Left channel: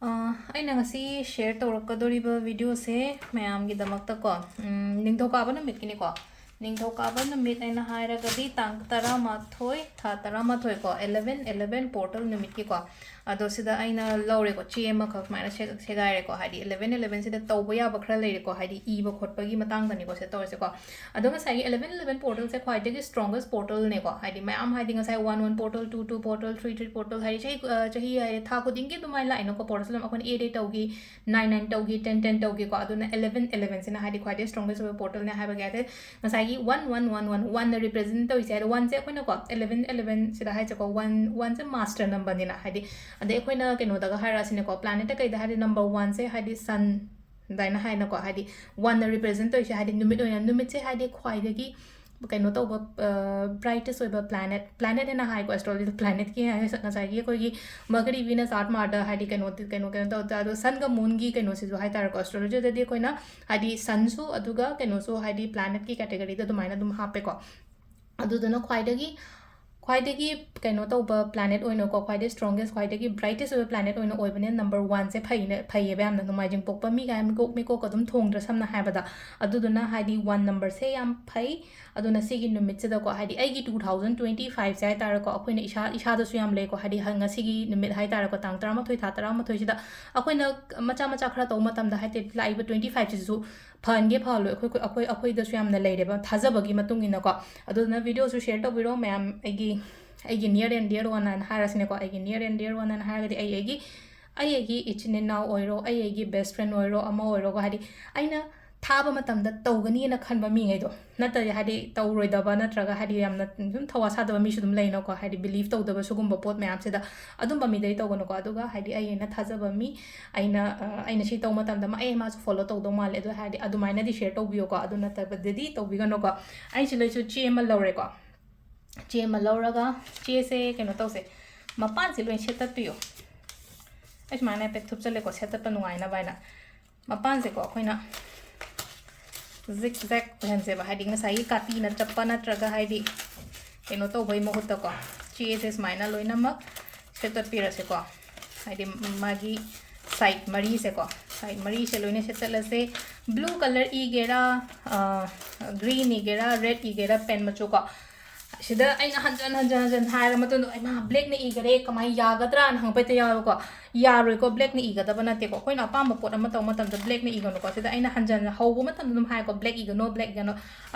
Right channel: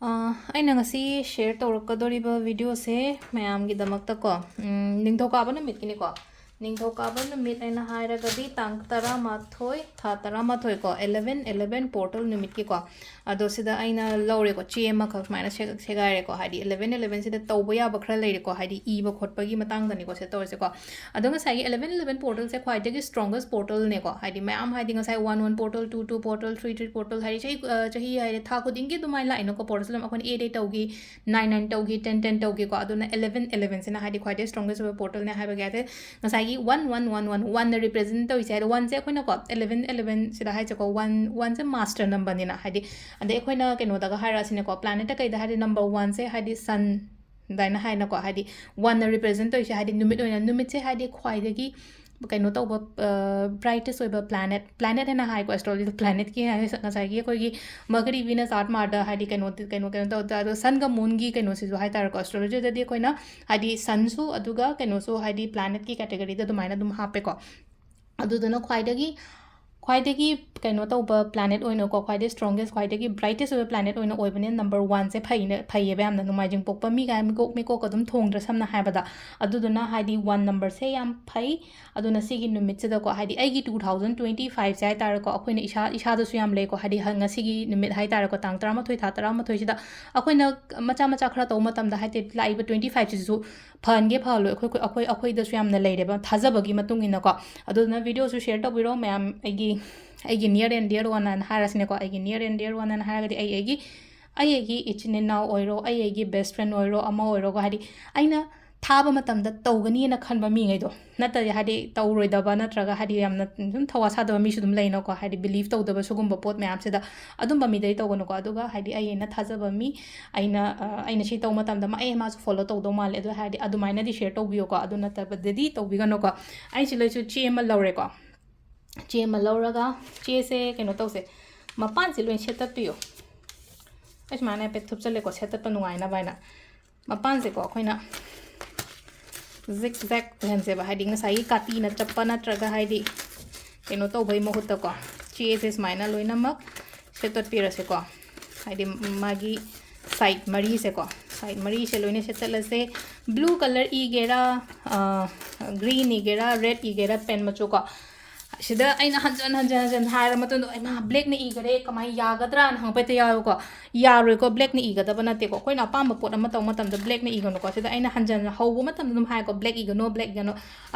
ꯑꯩꯅ ꯉꯁꯤ ꯁꯦꯌꯔ ꯇꯧꯔꯛꯀꯗꯧꯔꯤꯕ ꯚꯤꯗꯤꯑꯣꯁꯦ ꯃꯌꯥꯝꯒꯤꯗꯃꯛꯇꯀꯣ ꯅꯤꯡꯊꯧꯀꯥꯕ ꯅꯨꯃꯤꯠꯀꯤꯅꯤꯀꯣ ꯅꯤꯡꯊꯧꯀꯥꯕ ꯅꯨꯃꯤꯠ ꯑꯩꯅ ꯍꯥꯏꯔꯒꯗꯤ ꯇꯥꯡ 11 ꯊꯥ 11 ꯀꯣ 11/11 ꯄꯣꯔꯇꯦꯜ ꯅꯨꯃꯤꯠꯀꯤꯀꯣ ꯑꯗꯣ ꯁꯤꯗ ꯑꯩꯅ ꯂꯧꯔꯦꯀꯣ ꯆꯦ ꯑꯃꯈꯛ ꯁꯨꯃꯥꯏꯅ ꯁꯦꯒꯥꯏꯔꯦꯀꯣ ꯍꯥꯏꯗꯤ 11/11 ꯁꯤꯗ ꯇꯧꯕ ꯌꯥꯕ ꯈꯔ ꯂꯩꯔꯦꯀꯣ ꯍꯥꯏꯗꯤ ꯏꯕ ꯈꯣꯠꯄꯒꯤ ꯃꯇꯥꯡꯗꯅꯤꯀꯣ ꯁꯤꯗ ꯇꯧꯔꯤꯁꯦꯀꯣ ꯑꯗꯣ ꯉꯁꯥꯏꯒꯤ 11/11 ꯄꯣꯔꯇꯜꯁꯦ ꯈ꯭ꯋꯥꯏꯗꯒꯤ ꯁ꯭ꯇ꯭ꯔꯣꯡꯒꯦꯁ ꯄꯣꯔꯇꯜꯅꯦꯀꯣ ꯍꯥꯏꯗꯤ ꯃꯌꯥꯝ ꯍꯥꯏꯗꯤ ꯉꯁꯥꯏ 1/1 ꯄꯣꯔꯇꯜ 2/2 ꯄꯣꯔꯇꯜ 3/3 ꯄꯣꯔꯇꯜ ꯍꯥꯏꯗꯤ ꯆꯍꯤ ꯍꯥꯏꯗꯤ ꯊꯥ ꯈꯨꯗꯤꯡꯒꯤ ꯑꯗꯨꯃꯥꯏꯅ ꯂꯥꯛꯏꯅꯀꯣ ꯄꯣꯔꯇꯜꯁꯦ ꯑꯗꯨꯝ ꯑꯩꯈꯣꯏꯅ 8/8 ꯇꯧꯈꯤ 9/9 ꯇꯧꯈꯤ 10/10 ꯇꯧꯈꯤꯀꯣ ꯑꯗꯨꯅ 11/11 ꯁꯤꯅ ꯍꯥꯏꯗꯤ ꯈ꯭ꯋꯥꯏꯗꯒꯤ ꯁ꯭ꯇ꯭ꯔꯣꯡꯒꯦꯁ ꯑꯣꯏꯕ ꯄꯣꯔꯇꯜꯅꯦ ꯍꯥꯏꯕꯒꯤ ꯍꯥꯏꯗꯤ ꯉꯁꯥꯏꯒꯤ 1/1/1/1ꯅ ꯔꯤꯄ꯭ꯔꯦꯖꯦꯟ ꯇꯧꯔꯤꯁꯦ ꯍꯥꯏꯗꯤ 1ꯁꯦ ꯑꯩꯈꯣꯏꯅꯀꯣ 11/11 ꯁꯤꯗ ꯍꯥꯏꯁꯦꯀꯣ 1ꯁꯦ ꯃꯥꯁꯇꯔ ꯅꯝꯕꯔꯅꯤꯅ ꯍꯥꯏꯗꯤ ꯑꯗꯩ ꯑꯩꯈꯣꯏꯅ ꯀꯩꯅꯣꯗꯒ ꯍꯥꯏꯔꯛꯑꯁꯤꯅꯦꯀꯣ ꯄ꯭ꯂꯥꯅꯦꯠꯇ ꯀꯩꯗ ꯍꯥꯏꯗꯤ ꯅꯝꯕꯔ 1ꯁꯦ ꯍꯥꯏꯗꯤ ꯁꯟ ꯑꯗꯨꯃꯥꯏꯅ ꯍꯥꯏꯅꯀꯣ ꯍꯥꯏꯗꯤ 1ꯅ ꯔꯤꯄ꯭ꯔꯦꯖꯦꯟ ꯇꯧꯔꯤꯁꯦ ꯍꯥꯏꯗꯤ ꯅꯨꯃꯤꯠ ꯑꯣꯏꯅ ꯅꯨꯃꯤꯠꯁꯦ ꯍꯥꯏꯗꯤ ꯈ꯭ꯋꯥꯏꯗꯒꯤ ꯀꯩꯅꯣ ꯇꯧꯕ ꯕ꯭ꯔꯥꯏꯇꯦꯁ ꯑꯣꯏꯕ ꯄ꯭ꯂꯥꯅꯦꯠ ꯍꯦꯟꯅ ꯍꯥꯏꯀꯣ ꯑꯦꯁꯇ꯭ꯔꯣꯂꯣꯖꯤꯗ ꯄ꯭ꯂꯥꯅꯦꯠꯀꯤ ꯉꯁꯥꯏꯒꯤ ꯑꯩꯈꯣꯏꯒꯤ ꯃꯔꯀꯔꯤ ꯚꯤꯅꯁ ꯑꯥꯔꯠ ꯃꯥꯔꯗ ꯍꯥꯏꯗꯤ ꯀꯩꯅꯣ ꯇꯧꯗ ꯑꯗꯣ ꯁꯟꯒ ꯃꯨꯟꯒꯤ ꯀꯩꯅꯣꯁꯤꯁꯨ ꯍꯥꯏꯇꯥꯔꯦꯀꯣ ꯑꯦꯁꯇ꯭ꯔꯣꯂꯣꯖꯤꯗꯗꯤ ꯑꯩꯈꯣꯏꯅ ꯍꯥꯏꯗꯤ ꯁꯟꯁꯨ ꯑꯗꯨꯒ ꯀꯩꯅꯣꯁꯨ ꯍꯥꯏꯗꯤ ꯄ꯭ꯂꯥꯅꯦꯠꯀꯤ ꯀꯦꯇꯦꯒꯣꯔꯤꯗ ꯑꯗꯨꯃꯥꯏꯅ ꯑꯗꯨꯝ ꯍꯥꯞꯄꯦꯀꯣ ꯑꯗꯨꯗꯨꯅ ꯈ꯭ꯋꯥꯏꯗꯒꯤ ꯀꯩꯅꯣ ꯇꯧꯕ ꯄ꯭ꯂꯥꯅꯦꯠ ꯑꯣꯏꯅꯀꯣ ꯈ꯭ꯋꯥꯏꯗꯒꯤ ꯁ꯭ꯇ꯭ꯔꯣꯡꯒꯦꯁ ꯈ꯭ꯋꯥꯏꯗꯒꯤ ꯕ꯭ꯔꯥꯏꯇꯦꯁ ꯑꯣꯏꯕ ꯄ꯭ꯂꯥꯅꯦꯠ ꯑꯣꯏꯕꯅꯤꯅ ꯅꯝꯕꯔ 1ꯁꯦ ꯐꯩꯌꯦꯕ ꯌꯥꯝꯅ ꯅꯣꯡꯃꯥꯏꯖꯤꯡ ꯄꯣꯛꯄ ꯃꯤ ꯀꯥꯏ ꯃꯤꯀꯣꯛ ꯑꯗꯨꯝ ꯊꯣꯡꯗ꯭ꯔꯥ ꯁꯝꯅ ꯍꯥꯏꯕꯗ ꯑꯗꯨꯗꯨꯅ ꯍꯥꯏꯗꯤ 1 ꯅꯝꯕꯔꯁꯦ ꯌꯥꯝ ꯐꯩ ꯑꯗꯨꯅ ꯁꯤꯒꯤ ꯅꯨꯃꯤꯠꯁꯤꯗꯀꯣ ꯍꯥꯏꯗꯤ ꯑꯩꯒꯤ 2025ꯁꯦ ꯍꯥꯏꯇꯥꯔꯦꯀꯣ ꯑꯩꯈꯣꯏꯅ ꯏꯁꯥꯗꯁꯨ ꯌꯥꯝ ꯂꯩꯀꯣ ꯍꯥꯏꯗꯤ ꯉꯁꯤꯒꯤ ꯅꯨꯃꯤꯠ ꯍꯥꯏꯇꯥꯔꯦꯀꯣ ꯇꯥꯡ 11 ꯊꯥ 11 ꯁꯤꯗ ꯑꯩꯈꯣꯏꯅ ꯃꯆꯥ ꯈꯔ ꯇꯧꯕ ꯃꯇꯝꯗ ꯍꯥꯏꯗꯤ ꯂꯥꯛꯏꯕ 25ꯁꯤꯁꯨ ꯐꯍꯟꯒꯦ ꯐꯍꯜꯂꯣꯏ ꯑꯩꯈꯣꯏꯗꯁꯨ ꯌꯥꯝꯅ ꯂꯩꯔꯦꯕ ꯊꯥꯖꯕꯒꯤ ꯃꯇꯨꯡ ꯏꯟꯅꯀꯣ ꯑꯗꯨꯗꯨꯅ ꯚꯤꯗꯤꯑꯣꯁꯨ ꯁꯦꯌꯔ ꯇꯧꯕꯤꯔꯣ ꯃꯌꯥꯝ ꯑꯩꯒꯤ ꯅꯤꯌꯔ ꯑꯦꯟ ꯗꯤꯌꯔ ꯋꯥꯟ ꯍꯥꯏꯅ ꯍꯥꯏꯔꯁꯤꯅꯦꯀꯣ ꯑꯩꯒꯤ ꯅꯤꯌꯔ ꯑꯦꯟ ꯗꯤꯌꯔ ꯋꯥꯟ ꯍꯥꯏꯅ ꯍꯥꯏꯔꯒꯗꯤ ꯑꯩꯒꯤ ꯏꯆꯤꯟ ꯏꯅꯥꯎ ꯑꯣꯏꯔో ꯑꯩꯒꯤ ꯕꯦꯁ ꯐ꯭ꯔꯦꯟ ꯑꯣꯏꯔꯣ ꯑꯃ ꯑꯣꯏꯔꯣꯒ ꯍꯥꯏꯗꯤ ꯑꯩꯅ ꯊꯥꯕ ꯃꯇꯝꯗ ꯇꯧꯒꯅꯤꯅ ꯈꯟꯕ ꯃꯤꯉꯩꯗꯣ ꯅꯠꯇ꯭ꯔꯗꯤ ꯍꯥꯏꯗꯤ ꯇꯧꯔꯣꯏꯗꯕ ꯅꯠꯇ꯭ꯔꯒ ꯍꯥꯏꯗꯤ ꯌꯥꯝꯅ ꯁꯨꯝ ꯊꯋꯥ ꯁꯥꯗꯕ ꯃꯤꯁꯨ ꯑꯗꯨꯝ ꯂꯩꯅꯀꯣ ꯍꯥꯏꯗꯤ ꯕꯤꯂꯤꯐ ꯇꯧꯗꯕ ꯁꯤꯒꯨꯝꯕ ꯄꯣꯠ ꯃꯌꯥꯝꯁꯤꯗ ꯑꯗꯨꯝꯕ ꯃꯤꯗꯩ ꯇꯧꯒꯅꯨꯀꯣ ꯑꯗꯨꯒ ꯍꯥꯏꯗꯤ ꯑꯩꯅ ꯊꯥꯖꯕ ꯃꯤ ꯑꯩꯅ ꯁꯤ ꯇꯧꯕ ꯃꯇꯝꯗ ꯃꯥꯁꯨ ꯐꯣꯂꯣ ꯇꯧꯗꯧ ꯃꯥꯜꯂꯦ ꯑꯗꯨ ꯍꯥꯏꯔꯗꯤ ꯑꯗꯨꯃꯥꯏꯅꯗꯤ ꯁꯦꯌꯔ ꯇꯧꯕꯤꯌꯣꯀꯣ ꯑꯗꯨ ꯅꯠꯇꯕꯗꯗꯤ ꯇꯧꯕꯤꯒꯅꯨꯀꯣ ꯑꯩ ꯁꯤꯗꯁꯨ ꯆꯦ ꯑꯃ ꯂꯧꯔꯦꯀꯣ ꯆꯦ ꯑꯃ ꯂꯧꯔꯒ ꯆꯦꯁꯦ ꯀꯩꯅꯣ ꯇꯧꯁꯦ ꯃꯄꯥꯟꯁꯦ ꯂꯣꯏ ꯁꯦꯠꯇꯠꯄꯤꯌꯣ ꯑꯩ ꯁꯨꯃꯥꯏꯅ ꯍꯥꯏꯐꯦꯠ ꯊꯨꯞꯆꯜꯂꯦꯀꯣ ꯁꯦꯠꯇꯠꯄ ꯅꯨꯡꯉꯥꯏꯅꯕ ꯍꯥꯏꯅ ꯃꯄꯥꯟꯁꯦꯀꯣ ꯑꯩꯈꯣꯏꯅ ꯖꯤꯛ ꯖꯦꯛ ꯑꯣꯏꯍꯟꯁꯦꯕ ꯍꯥꯏꯗꯤ ꯉꯁꯥꯏꯒꯤ ꯀꯥꯇꯤꯅ ꯆꯞꯄ ꯅꯠꯇ꯭ꯔꯒ ꯍꯥꯏꯗꯤ ꯀꯩꯅꯣ ꯇꯧꯕꯩ ꯃꯍꯨꯠꯇꯀꯣ ꯆꯦꯁꯦ ꯁꯨꯃꯥꯏꯅ ꯂꯣꯏꯅꯃꯛ ꯁꯦꯠꯇꯠꯄꯤꯔꯁꯦꯀꯣ ꯍꯥꯏꯗꯤ ꯃꯥꯒꯤ ꯁꯥꯏꯠ ꯃꯔꯤꯁꯦꯀꯣ ꯁꯥꯏꯠ ꯃꯔꯤꯁꯦ ꯂꯣꯏꯅ ꯁꯦꯠꯇꯠꯂꯁꯦ ꯕ꯭ꯂꯨ ꯀꯂꯔ ꯏꯒꯦꯔꯥ ꯒ꯭ꯔꯤꯟ ꯏꯒꯦꯔꯥ ꯔꯦꯗ ꯏꯒꯦꯔꯥ ꯄꯦꯟ ꯃꯆꯨꯀꯣ ꯁꯤꯗ ꯑꯩꯅ ꯍꯟꯖꯟ ꯍꯥꯏꯔ ꯃꯇꯨꯡꯗ ꯑꯩꯅ ꯕ꯭ꯂꯦꯛꯅ ꯏꯒꯔꯦ ꯀꯃꯥꯏꯅ ꯌꯥꯒꯗ꯭ꯔꯥꯅ ꯍꯪꯉꯛꯄ ꯌꯥꯎꯋꯦꯕꯀꯣ ꯌꯥꯔꯣꯏꯀꯣ ꯕ꯭ꯂꯦꯛꯅ ꯏꯒꯗꯕ ꯅꯠꯇꯦꯀꯣ ꯑꯩꯈꯣꯏꯅ ꯑꯄꯥꯝꯕ ꯄꯣꯠ ꯑꯃ ꯇꯧꯕ ꯃꯇꯝꯗ ꯕ꯭ꯂꯦꯛꯅ ꯏꯒꯅꯨꯀꯣ ꯁꯤꯗ ꯑꯩꯅ ꯍꯧꯕ ꯃꯇꯝꯗ ꯑꯗꯨꯝ ꯍꯥꯏꯀꯣ ꯕ꯭ꯂꯦꯛ ꯏꯒꯅꯣ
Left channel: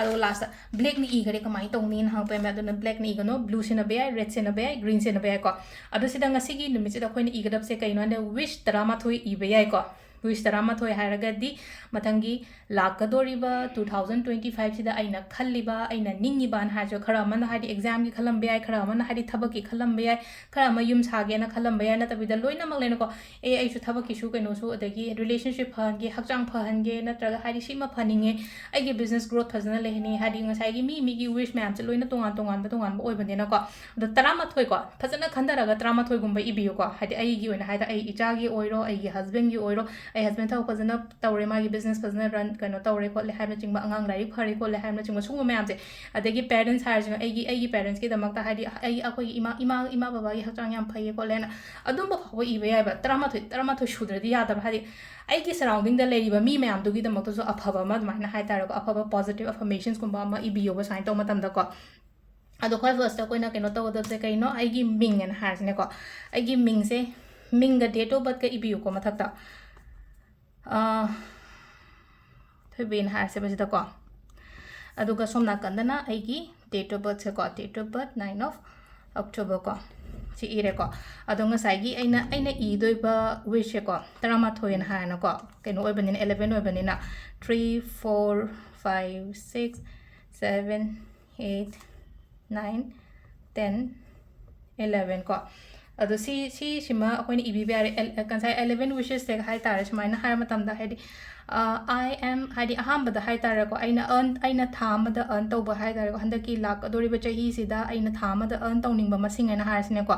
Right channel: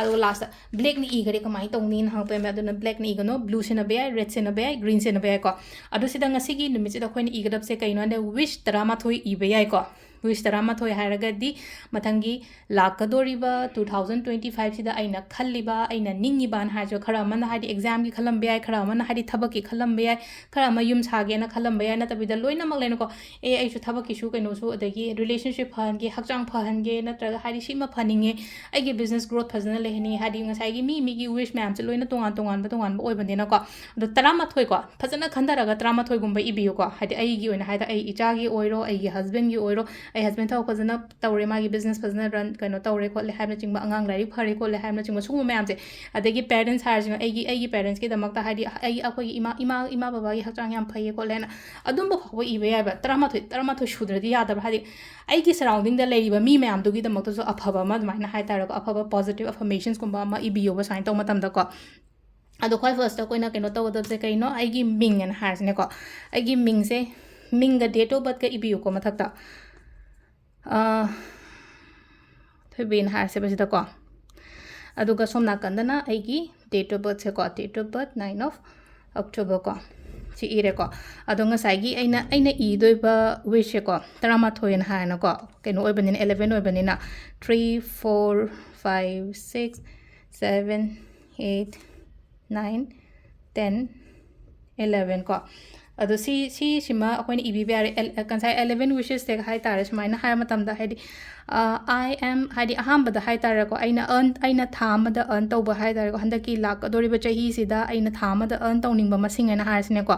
ꯑꯗꯣ ꯂꯥꯁꯇ ꯕ꯭ꯂꯦꯛꯅ ꯏꯒꯔꯦ ꯀꯃꯥꯏꯅ ꯇꯧꯅꯤꯅ ꯍꯪꯉꯛꯄ ꯌꯥꯏ ꯑꯗꯨꯅ ꯕ꯭ꯂꯦꯛꯅ ꯏꯒꯅꯣ ꯕ꯭ꯂꯨ ꯁꯤꯟꯅꯕ ꯌꯥꯏ ꯔꯦꯗ ꯁꯤꯟꯅꯕ ꯌꯥꯏ ꯒ꯭ꯔꯤꯟ ꯁꯤꯟꯅꯕ ꯌꯥꯏꯀꯣ ꯑꯗꯣ ꯁꯤꯗ ꯉꯁꯤꯒꯤ ꯅꯨꯃꯤꯠꯁꯤꯗ ꯑꯩꯈꯣꯏꯅ ꯏꯒꯗꯕꯁꯦ ꯀꯩꯅꯣ ꯍꯥꯏꯗꯤ ꯋꯤꯁ 11 ꯏꯕ ꯌꯥꯏꯀꯣ ꯋꯤꯁ 11 ꯍꯥꯏꯔꯒꯗꯤ ꯃꯊꯪꯒꯤ ꯂꯥꯛꯀꯗꯣꯔꯤꯕ 2025ꯁꯤꯗ ꯑꯩꯅ ꯈꯜꯂꯤꯕ ꯑꯩꯅ ꯅꯤꯡꯉꯤꯕꯅ ꯍꯥꯏꯔꯁꯨ ꯈꯔ ꯑꯃꯅ ꯍꯥꯏꯗꯤ ꯑꯦꯛꯖꯥꯝꯒꯤ ꯈꯜꯂꯝꯕ ꯌꯥꯏ ꯈꯔ ꯑꯃꯅ ꯍꯥꯏꯗꯤ ꯊꯕꯛꯀꯤ ꯈꯜꯂꯝꯕ ꯌꯥꯏ ꯈꯔ ꯑꯃ ꯌꯨꯝ ꯁꯥꯒꯦꯅ ꯈꯜꯂꯝꯕ ꯌꯥꯏ ꯅꯠꯇꯕꯤꯗ ꯂꯣꯏꯅꯃꯛ ꯂꯩꯅꯀꯣ ꯑꯩꯁꯨ ꯊꯕꯛꯀꯤꯁꯨ ꯀꯩꯅꯣꯁꯨ ꯑꯗꯒꯤ ꯔꯤꯂꯦꯁꯟꯁꯤꯞ ꯐꯍꯟꯒꯦ ꯍꯛꯆꯥꯡ ꯐꯍꯟꯒꯦ ꯅꯠꯇ꯭ꯔꯒ ꯍꯥꯏꯗꯤ ꯁꯤꯃ ꯐꯅꯤꯡꯉꯦ ꯑꯩꯒꯤ ꯕꯤꯖꯅꯦꯁ ꯒ꯭ꯔꯣꯊ ꯐꯖꯅ ꯂꯩꯍꯟꯅꯤꯡꯉꯦ ꯍꯥꯏꯗꯤ ꯉꯁꯥꯏꯒꯤ ꯃꯤꯒꯤ ꯋꯤꯁ ꯃꯌꯥꯝꯁꯦ ꯂꯣꯏꯅ ꯇꯣꯉꯥꯟꯕ ꯑꯣꯏꯕꯅꯤꯅꯀꯣ ꯑꯗꯣ 11 ꯀꯣ ꯐꯖꯅ ꯈꯟꯊꯔꯒ 11ꯒꯨꯝꯕ ꯏꯕꯤꯌꯨꯀꯣ ꯍꯥꯏꯗꯤ ꯑꯩꯒꯤ ꯑꯣꯏꯅ ꯍꯥꯏꯗꯤ ꯑꯩ ꯏꯆꯥꯒꯤ ꯑꯣꯏꯔꯣ ꯑꯩꯒꯤ ꯍꯁꯕꯦꯟꯒꯤ ꯑꯣꯏꯔో ꯑꯩ ꯍꯁꯕꯦꯟ ꯊꯕꯛ ꯐꯖꯅ ꯇꯧꯔꯦ ꯃꯥꯒꯤ ꯕꯤꯖꯅꯦꯁ ꯐꯖꯅ ꯔꯟ ꯀꯩꯅꯣ ꯇꯧꯔꯦ ꯈꯣꯠꯂꯦ ꯍꯥꯏꯕꯅꯆꯤꯡꯕ ꯑꯉꯥꯡ ꯂꯥꯏꯔꯤꯛ ꯐꯔꯦ ꯈꯣꯠꯂꯦ ꯍꯥꯏꯕꯅꯆꯤꯡꯕ ꯁꯤꯒꯨꯝꯕ ꯃꯌꯥꯝꯁꯦ ꯑꯗꯒꯤ ꯄꯦꯔꯦꯟꯁ ꯍꯥꯏꯔꯤꯁꯤꯅ ꯑꯩꯒꯤ ꯄꯦꯔꯦꯟꯁꯀꯤꯗꯃꯛꯇ ꯍꯥꯏꯗꯤ ꯑꯩꯈꯣꯏꯒꯤ ꯏꯃꯥ ꯕꯕꯥꯒꯤ ꯍꯛꯆꯥꯡ ꯌꯥꯝ ꯐꯩꯌꯦ ꯈꯣꯠꯂꯦꯅ ꯑꯗꯨꯝꯕ ꯐꯥꯎꯕ ꯏꯕ ꯌꯥꯏꯕ 11 ꯁꯨꯗ꯭ꯔꯗꯤ ꯌꯥꯗꯕ ꯍꯥꯏꯗꯤ ꯑꯩꯒꯤ ꯁꯔꯥꯎꯟꯗꯤꯡꯗ ꯂꯩꯔꯤꯕ ꯃꯤ ꯃꯌꯥꯝꯗꯨꯒꯤꯗꯃꯛꯇꯁꯨ ꯑꯐꯕ ꯑꯃ ꯑꯗꯨꯃꯥꯏꯅ ꯍꯥꯏꯇꯥꯔꯦꯀꯣ ꯑꯐꯕ ꯄꯣꯖꯤꯇꯤቭ ꯑꯐꯔꯃꯦꯁꯟꯁꯀꯨꯝꯕ ꯑꯃ ꯏꯕꯤꯌꯣꯕ ꯁꯨꯃꯥꯏꯅ ꯇꯧꯕ ꯃꯇꯝꯗꯀꯣ ꯑꯗꯣ ꯈ꯭ꯋꯥꯏ ꯐꯥꯔꯁꯇ ꯑꯩꯈꯣꯏꯅ ꯀꯩꯅꯣ ꯇꯧꯒꯗꯕꯁꯦ ꯀꯩꯅꯣ ꯑꯩꯒꯤ ꯃꯤꯡ ꯑꯅ ꯍꯥꯏꯔꯁꯤꯅꯦꯀꯣ ꯑꯩꯒꯤ ꯃꯤꯡꯁꯦ ꯃꯤꯡꯒ ꯗꯦꯠ ꯑꯣꯐ ꯕꯔꯊꯀ ꯏꯕꯤꯌꯨꯀꯣ ꯃꯊꯛꯇ ꯊꯣꯏꯕꯤꯅ ꯍꯥꯏꯔꯁꯦꯕ ꯁꯤꯗꯀꯣ ꯑꯗꯨꯒ ꯁꯣꯝ ꯅꯥꯀꯟꯗꯅ ꯑꯩꯒꯤ ꯗꯦꯠ ꯑꯣꯐ ꯕꯔꯊꯁꯦꯀꯣ date of birth 9 of October ꯀꯣ ꯁꯤ ꯏꯔꯦꯀꯣ ꯑꯗꯣ ꯉꯁꯥꯏꯒꯤ ꯑꯩꯅ ꯏꯗꯣꯏꯕ ꯋꯤꯁꯁꯦꯀꯣ 11ꯅ ꯍꯥꯏꯅꯀꯣ ꯀꯩꯅꯣ ꯑꯣꯏꯕꯅꯤꯅ 11 ꯑꯣꯏꯕꯅꯤꯅ 3 4 5 6 7 8 9 10 11 ꯀꯣ ꯑꯗꯣ ꯁꯤꯃ ꯑꯩꯈꯣꯏꯅ ꯏꯕꯤꯕ ꯌꯥꯔꯦ ꯉꯁꯥꯏ 11 ꯋꯤꯁꯦꯁꯁꯦ ꯍꯥꯏꯇꯥꯔꯦ ꯁꯨꯃꯥꯏꯅ ꯍꯥꯏꯕ ꯃꯇꯝꯗ ꯍꯥꯏꯗꯤ ꯑꯥꯏ ꯑꯦꯝ ꯍꯥꯏꯗꯤ ꯑꯍꯥꯟꯕꯗ ꯍꯥꯏꯇꯥꯔꯦꯀꯣ ꯑꯩꯅ ꯊꯥ ꯑꯃꯗ ꯑꯔꯟ ꯇꯧꯕ ꯍꯥꯏꯇꯥꯔꯦꯀꯣ ꯍꯟꯗꯛꯀꯤ ꯂꯥꯛꯀꯗꯣꯔꯤꯕ ꯆꯍꯤꯁꯤꯗ ꯑꯩꯅ ꯊꯥ ꯑꯃꯗ ꯑꯔꯟ ꯇꯧꯅꯤꯡꯕ ꯃꯁꯤꯡ ꯍꯥꯏꯅ ꯍꯥꯏꯔꯁꯤꯅꯦꯀꯣ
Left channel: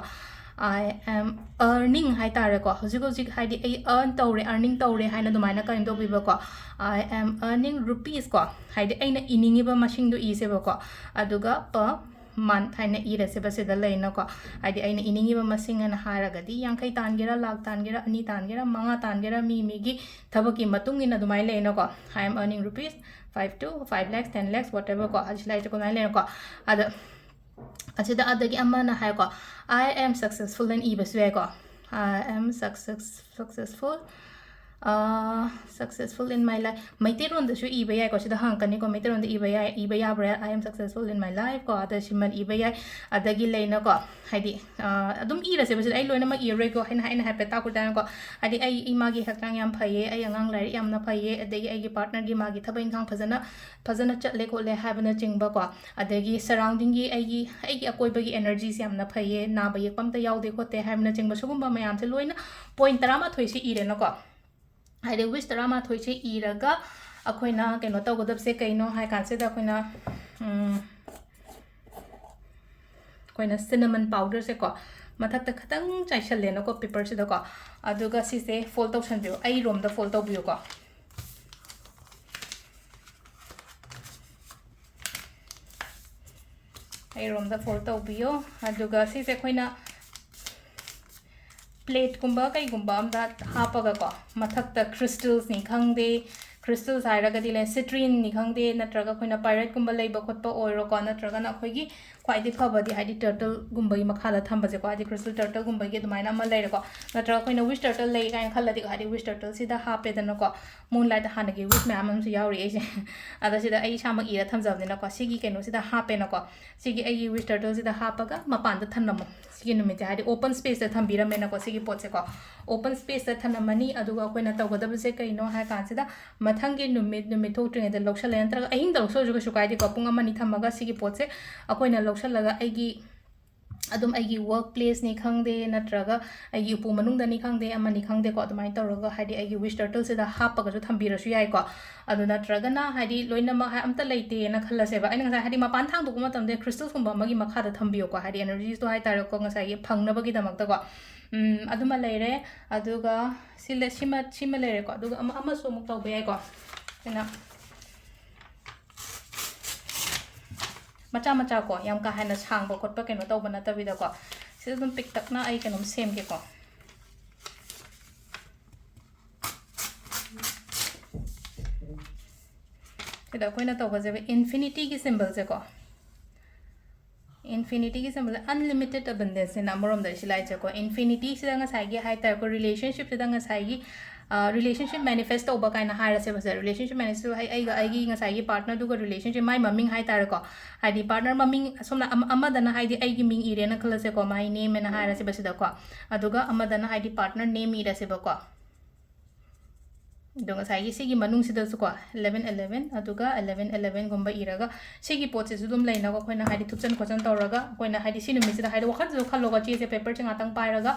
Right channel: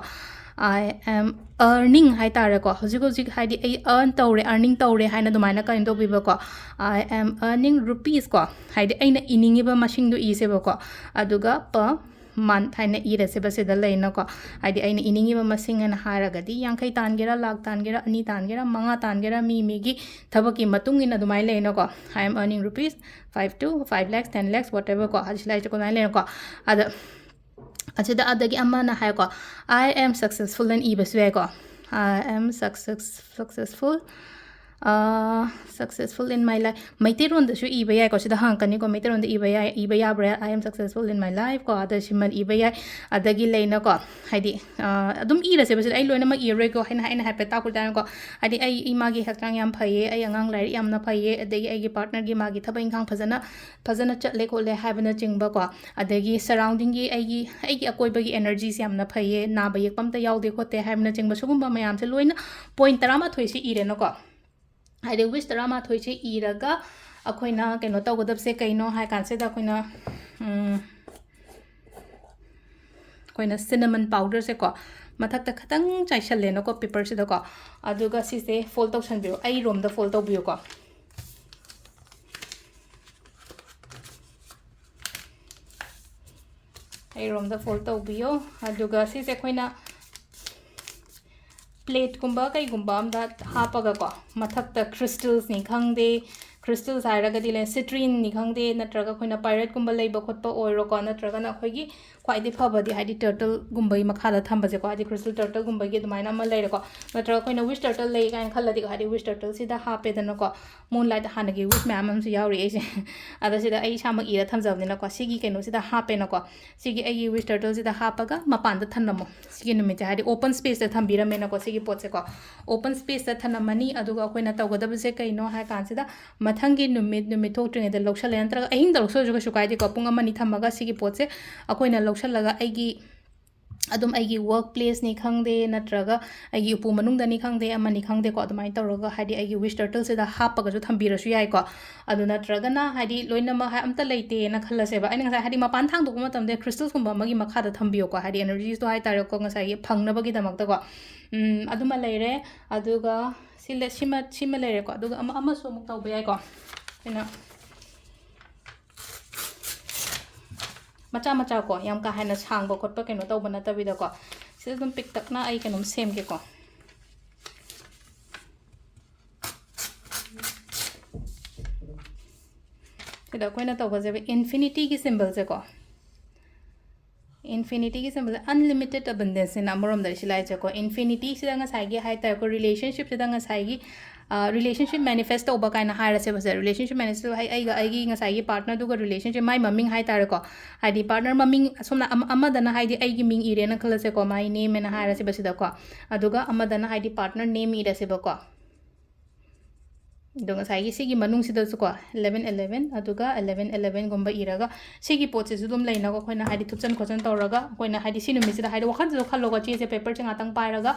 ꯑꯥꯏ ꯑꯦꯝ ꯑꯔꯅꯤꯡ ꯍꯥꯏꯇꯥꯔꯦꯀꯣ ꯍꯧꯖꯤꯛ ꯍꯥꯏꯗꯤ ꯑꯩ ꯑꯔꯅꯤꯡ ꯇꯧꯔꯦ ꯍꯥꯏꯅ ꯑꯗꯨꯃꯥꯏꯅ ꯀꯩꯅꯣ ꯇꯧꯕꯤꯕꯀꯣ ꯑꯥꯏ ꯑꯦꯝ ꯑꯔꯅꯤꯡ ꯔꯨꯄꯤꯁ ꯀꯣ ꯍꯥꯏꯗꯤ ꯑꯩꯅ ꯏꯅꯤꯡꯉꯤꯕ ꯃꯁꯤꯡꯗꯣ ꯏꯁꯦꯕꯀꯣ ꯑꯗꯨꯒ month haina irase basida leina ko haidi aina iningi ba masing ana haragadi yankai tangera lakh tangera ani tangera manga tangera mi gi thabaki matung ina dumai leina ko I am earning rupees 5 to 5 lakhs 10 lakhs whatever ko hajlai to ko nai leina ko ada achida adagi amma na hai ko I am successful and ibaswe ko I am successful successful in my life. Maitiron da shu ibaya ko sida hankani ko maitiron da ibaya bra I am successful in my life ko ada shimal ibaya adagi leina ko haidi adum ira se basida ai loina ma ire ko haina happy ta ku dan ko hadi ai imagi haktang yam phaye ai angang lai yam na phaye adagi ai gi partner gi magi thaba ingkhang phajana chatle ko le habana chingba ko adagi surrounding gi ai gi akoi bagi energies yam na phaye na ba yek pamta yaude ko te habana chingba sugumba mayam se loina point tarama thoi si ire no ko haide wish tarama thoi che iraga akoina keno tawgadab se kaino hai kanse da koina cinnamon powder se ko mathak ta khatang chaishalle no ko paper se da ko aduga si se fold tawsan bio ai rom da fold taw bio ko ai rom da fold taw bio aduga si se koina plate kumba kai kumba am da hapaga ko mathak ta crystals ni khangde crystals hairaga dile citrine ni khangde natraga khoina pirate kumba leiba khotpa oiro ko natraga na khoigi khwaidi phabadi hadi turtle gumbai makhala thamba je ko hadi crystal turtle gumbai ge dumaina ma leire ko natraga khoina wish turtle lei kai khalladi hadi wish turtle sida hape dana ko moonlight hanagi wish ma'am am su yauri ai ada sida ai shama ira thamjabni na ko sigi keno sida hape na ko sigi ai wish turtle sida hapaga mapan da thanamo sigi numit hadi open space da thambira me na ko sigi pot se ko open space da thanamani aduga khoina tawgadab se kaino ha kan sida mathangi numit thoktrine da loksale antra ahin da lokso juga sukai di ko punga mani thamaga sigi pot se akoina loksalaga aigi adum aigi workplace ni khangde natraga aigi upu manung da ni khangde amani khangde ko adumai tawraga hadi aigi wish turtle se da hapaga ju thambira su yai ko adu natraga na hadi loina ma ha amta leite na khalla se ba aina ngai hadi mapan thang dukuma tamde crystals kumba magi makha da thambiyo ko hadi energies to hai tar ko ngai phangna bagi damak da ko aduma leire aduga sima leire ko aduga ama so muk tawba yai ko ina macha ko yam ka haina sang ba khotpa keno taw bana tabida ko sidum pick tak na ai kenom sem ke ko sida koina taw baje infinity ki symbol se ko infinity ki symbol unlimited abundance in amorom da silai che ko infinity sida nga sai gi hai ta ko relationship sida nga sai gi relationship manifest oba kaina haira se base relationship manifest hai ai gi nga sai gi partner du ko relationship mai maming hai tar ko haidi partner maming somna amadana haidi ai gi ming ire na khala se ko mai name na haira se base da ko aduga amadana haidi partner name ira se ba ko donga sai gi sigi manung sida su ko 1111 aduga 1111 gomba iraga sigi pot se dum leina ko khoina haidi thupchan khochan tawraga koina haidi sinu mi sida haidi wakhan jo khalloga chi se paper changa tang pairaga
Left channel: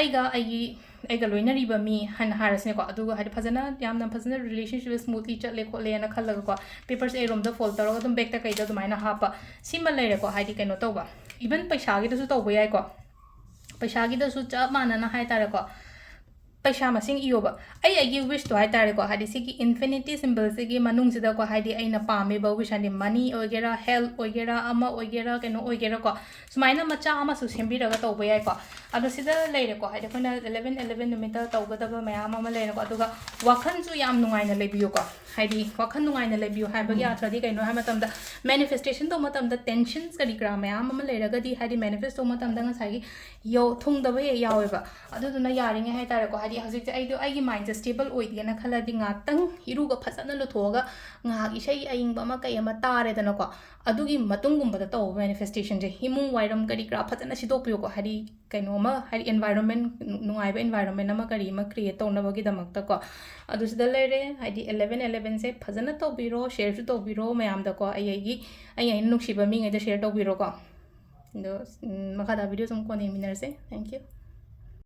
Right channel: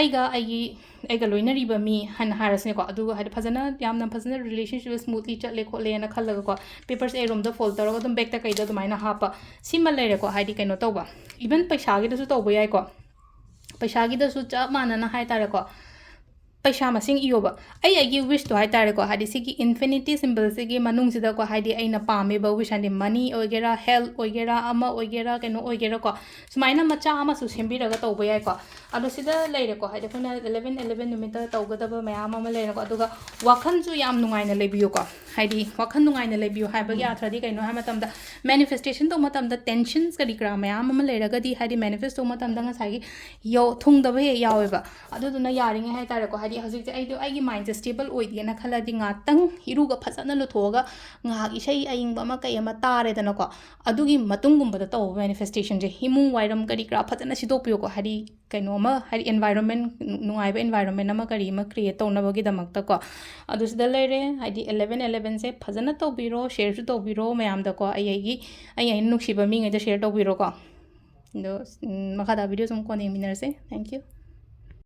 aiga loina riba mi han harasne ko aduga haidi phajana yamna phajana relationship smoothly chatle ko le na khallaga ko papers a room da fold tawraga dum back ta kaida dumaina hapa sima leire ko haidi kaino tawba even paisa gi da su tawba yai ko paisa gi da su cha mana na hai tara ko paisa masing iyoba ai wish to hai tare ko hadi sigi infinity symbol sigi manung sida ko hadi aina pame ba wish and money ogera health ogera ama ogera keno ogera ko sumaina macha ama su sembi raga to boyai ko adu sida leire ko hadi phana 1111 numita tawgada ba mayam ama leire ko aduga wakhan su yam nungai na lebiyo ko hadi wakhan nungai na lebiyo hai ba ya thadi keno ha matam da manifestation to matam da tensions kadi kra mayam ama leire ga di hadi manifest to matam da ngasai yo thung da ba yawe ba adu duna yaring hai tare ko hadi hajik ai do ai mind stable oidi na khala di nga tang iruga phasana lu thoga nga isai aing ba ma kai ama tare dana ko adugi matungum ba to manifestation je himung wairam kari kra phasana sidopyo ko hari kaino ma hari environment nungai ba environment ama kari ma create to na bagi damak ta ko adu sida lere hadi 1111 se phasana to biro share to biro mayam da ko ai nuksi ba mi ngai da share to biro ko do makada video sum ko ne minar se thank you